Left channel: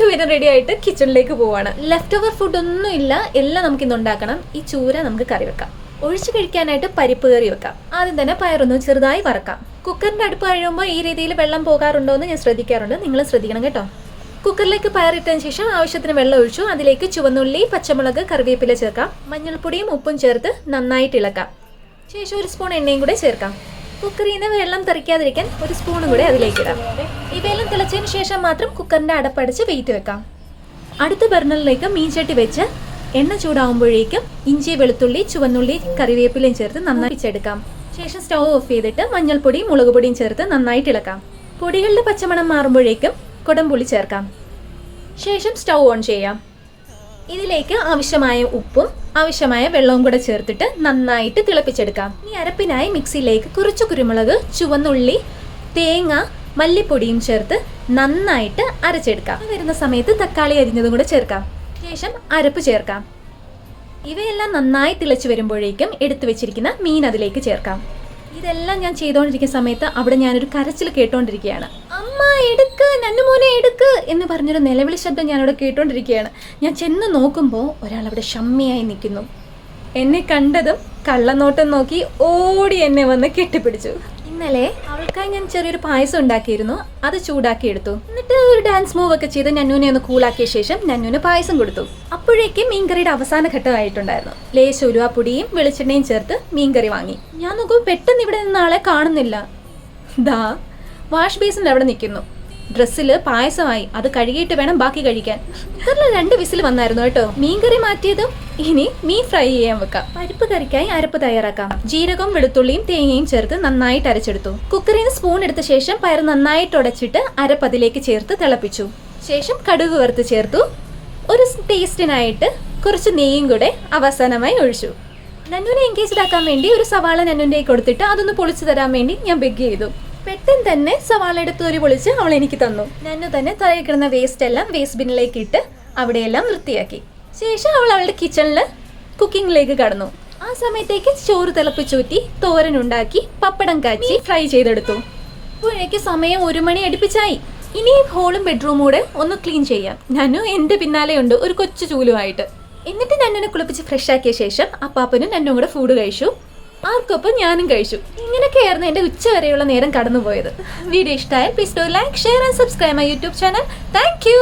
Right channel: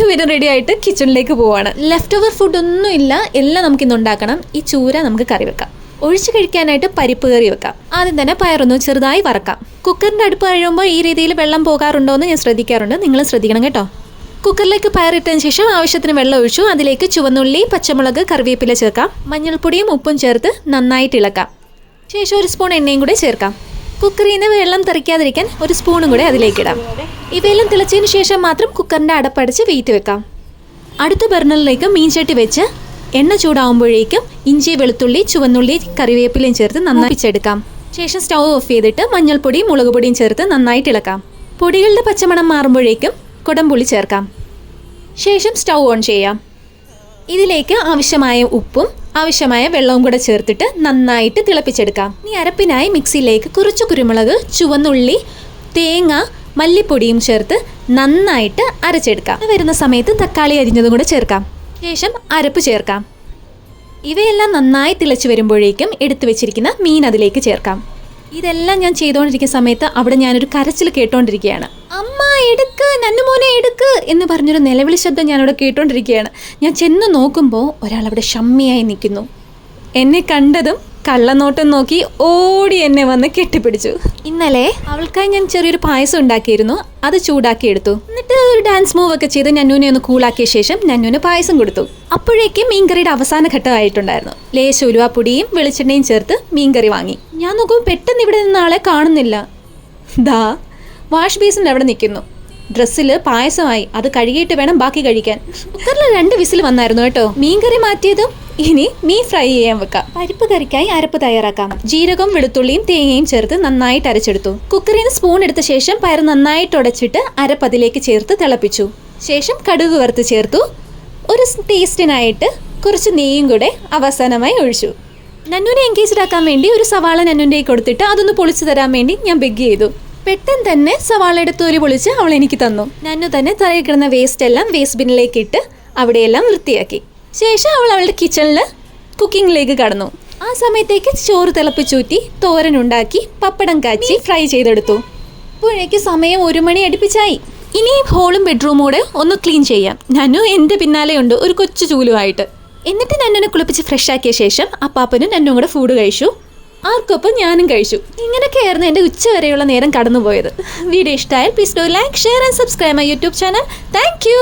രണ്ടുപേരും റെഡി ആയിട്ട് കിച്ചണിലേക്ക് പോവാണ്. ലെഫ്റ്റ് ഓവർ ഫുഡ് ഒന്നും ഇല്ല, എല്ലാം നമുക്കിന്ന് ഉണ്ടാക്കണം. ഈ ചൂര നമുക്ക് കറി വെക്കാം. ഒഴിച്ച് കഴിക്കാനായിട്ട് പരിപ്പ് കറി വെക്കാം. ആദ്യം തന്നെ പയറൊന്ന് ചെറുതായി വറക്കാം. കുക്കറിൻ്റെ അടുപ്പ് കഴിയുമ്പോൾ ഈ രീതിയിൽ വെള്ളം പോകാറുണ്ടോ എന്ന് ഞാൻ ശ്രദ്ധിക്കാറുണ്ട്. നിങ്ങൾ ശ്രദ്ധിക്കണം കേട്ടോ. കുക്കറിലേക്ക് പയറിട്ടതിന് ശേഷം ആവശ്യത്തിന് വെള്ളം ഒഴിച്ചു. അതിലേക്ക് ചുവന്നുള്ളി, പച്ചമുളക്, കറിവേപ്പില ചേർക്കാം. മഞ്ഞൾപ്പൊടിയും ഉപ്പും ചേർത്ത് നന്നായിട്ട് ഇളക്കാം. ശേഷം ഒരു സ്പൂൺ എണ്ണയും കൂടെ ചേർക്കാം. കുക്കറിൽ നിന്ന് വെള്ളം തെറിക്കാതിരിക്കാൻ ഒരു സ്പൂണും കൂടെ അതിലേക്ക് ഇടാം. ഇവയെല്ലാം തിളച്ചതിന് ശേഷം മാത്രം കുക്കറിൻ്റെ അടപ്പടിച്ച് വെയിറ്റ് വെക്കാം. അടുത്ത ബർണറിലേക്ക് മീൻചട്ടി വെച്ച് എണ്ണ ചൂടാവുമ്പോഴേക്കും ഇഞ്ചി, വെളുത്തുള്ളി, ചുവന്നുള്ളി, കറിവേപ്പിലയും ചേർത്ത് നന്നായി പിച്ചെടുക്കാം. ശേഷം സ്റ്റൗ ഓഫ് ചെയ്തിട്ട് മഞ്ഞൾപ്പൊടിയും മുളക് പൊടിയും ചേർത്ത് നന്നായിട്ട് ഇളക്കാം. പൊടികളുടെ പച്ചമണം മാറുമ്പോഴേക്കും കുടംപുളി ചേർക്കാം. ശേഷം സ്റ്റൗ ഓൺ ചെയ്യാം. ഇതിലേക്ക് ആവശ്യമായ ഉപ്പും ആവശ്യമായ വെള്ളവും കൂടെ ചേർത്തിട്ട് നന്നായിട്ട് തിളപ്പിച്ചെടുക്കാം. ഇനി അരപ്പിനായി മിക്സിയിലേക്ക് കുറച്ച് കുരുമുളക്, ചുവന്നുള്ളി, തേങ്ങ, മല്ലിപ്പൊടിയും ചേർത്ത് നന്നായിട്ട് അരച്ചെടുക്കാം. വരുന്ന സമയത്ത് തക്കാളി അരിഞ്ഞതും കൂടെ ചേർക്കാം. ശേഷം അരപ്പ് ചേർക്കാം. ഇവയെല്ലാം നന്നായി തിളച്ച് വരുമ്പോഴേക്കും എടുത്തു വെച്ചിരിക്കുന്ന മീൻ അതിലേക്ക് ചേർക്കാം. ഇതെല്ലാം ഞാൻ ചെയ്തുകൊണ്ടിരിക്കുന്ന സമയത്ത് അവിടെ ഞാനൊരു കരച്ചിൽ കേട്ടോണ്ടിരിക്കുകയാണ്. അമ്മ എടുക്ക്, നന്നുമോനെ എടുക്ക് എന്ന് പറഞ്ഞൊരു നിലവിളി ശബ്ദം ഞാനവിടെ കേട്ടോണ്ടിരിക്കുകയാണ്. ഞാൻ ചെന്ന് നോക്കുമ്പോൾ ഒരാളവിടെ ഷമ്മിയായി നിൽക്കുന്നു. എന്നെ കണ്ടതും കള്ളനോട്ടം നോക്കി ഓടി എന്നെ വന്ന് കെട്ടിപ്പിടിച്ചു. ഇന്നലെ അവൾക്കായി ഞാൻ ചെറിയൊരു പായസം ഉണ്ടാക്കിയിരുന്നു. അത് ചൂടാക്കി എടുത്തു. എന്നിട്ട് ഒരു ഡാൻസ് മൂവ് ഒക്കെ ചെയ്ത് നന്നൂനെ ഒന്ന് കൂളാക്കിയ ശേഷം നന്നൂന് പായസം കൊടുത്തു. അപ്പോഴേക്കും മീൻകറിയുടെ അവസാന ഘട്ടമായിട്ടുണ്ടായിരുന്നു. ലേശ ഉലുവാപ്പൊടിയും വെളിച്ചെണ്ണയും ചേർത്ത് മീൻകറി വാങ്ങി. ഞാൻ നോക്കുമ്പോൾ പെട്ടെന്ന് ഇവിടെ നിന്ന് ആളെ കാണുന്നില്ല. ദാ വാഷ് ബേസിൻ്റെ അവിടെ നിൽക്കുന്നു. ഡ്രസ്സിൽ പായസമായി. അത് കഴുകിയിട്ട് വേണം ബാക്കി കഴിക്കാൻ. കുക്കറിൽ 2 വിസിൽ വന്നായിരുന്നു കേട്ടോ. മീൻകറി മാറ്റിയതും ഇനി മീൻ ഫ്രൈ ചെയ്യാൻ വെക്കാം. പരിപ്പ് കറിക്കായി അരപ്പ് തയ്യാറാക്കാം. ജീരകവും വെളുത്തുള്ളിയും തേങ്ങയും ചേർത്ത് നന്നായിട്ട് അരച്ചെടുത്തു. കുക്കറിൽ നിന്ന് സ്പൂൺ എടുത്ത ശേഷം പയർ നന്നായിട്ട് ഉടച്ചിട്ട് അരപ്പ് അതിലേക്ക് ചേർത്ത് തിളപ്പിച്ചു. ശേഷം കടുക് വറുത്ത് ചേർത്തു. ഒരു ടേസ്റ്റിനായിട്ട് കുറച്ച് നെയ്യും കൂടെ അവസാനമായി ഒഴിച്ചു. നന്നൂനെ എൻഗേജ്ഡ് ആക്കാൻ വേണ്ടി ഒരു സവാള നന്നൂൻ്റെ കൊടുത്തിട്ട് അതൊന്ന് പൊളിച്ചു തരാൻ വേണ്ടി ഞാൻ ബെഗ് ചെയ്തു. പെട്ടെന്ന് തന്നെ സവാളയുടെ തൊലി പൊളിച്ച് അവൾ എനിക്ക് തന്നു. നന്നു തന്നെ തറയിൽ കിടന്ന വേസ്റ്റ് എല്ലാം വേസ്റ്റ് ബിന്നിലേക്ക് ഇട്ട് അവിടെയെല്ലാം വൃത്തിയാക്കി. ശേഷം അവൾ അവളുടെ കിച്ചണിൽ കുക്കിങ്ങിലേക്ക് കടന്നു. ആ സമയത്തേക്ക് ചോറ് തിളപ്പിച്ചൂറ്റി തോരനുണ്ടാക്കി പപ്പടം കാച്ചി ഫ്രൈ ചെയ്തെടുത്തു. അപ്പോഴേക്ക് സമയം 1 മണി അടുപ്പിച്ചായി. ഇനി ഹോളും ബെഡ്റൂമും കൂടെ ഒന്ന് ക്ലീൻ ചെയ്യാം. നന്നു എൻ്റെ പിന്നാലെയുണ്ട് ഒരു കൊച്ചു ചൂലുമായിട്ട്. എന്നിട്ട് നന്നുനെ കുളിപ്പിച്ച് ഫ്രഷ് ആക്കിയ ശേഷം അപ്പാപ്പനും നന്നും കൂടെ ഫുഡ് കഴിച്ചു. ആർക്കൊപ്പം ഞാനും കഴിച്ചു. ഇങ്ങനെയൊക്കെയായിരുന്നു എൻ്റെ ഉച്ച വരെയുള്ള നേരം കടന്നുപോയത്. വീഡിയോ ഇഷ്ടമായാൽ please do like, share and subscribe my YouTube channel. Thank you.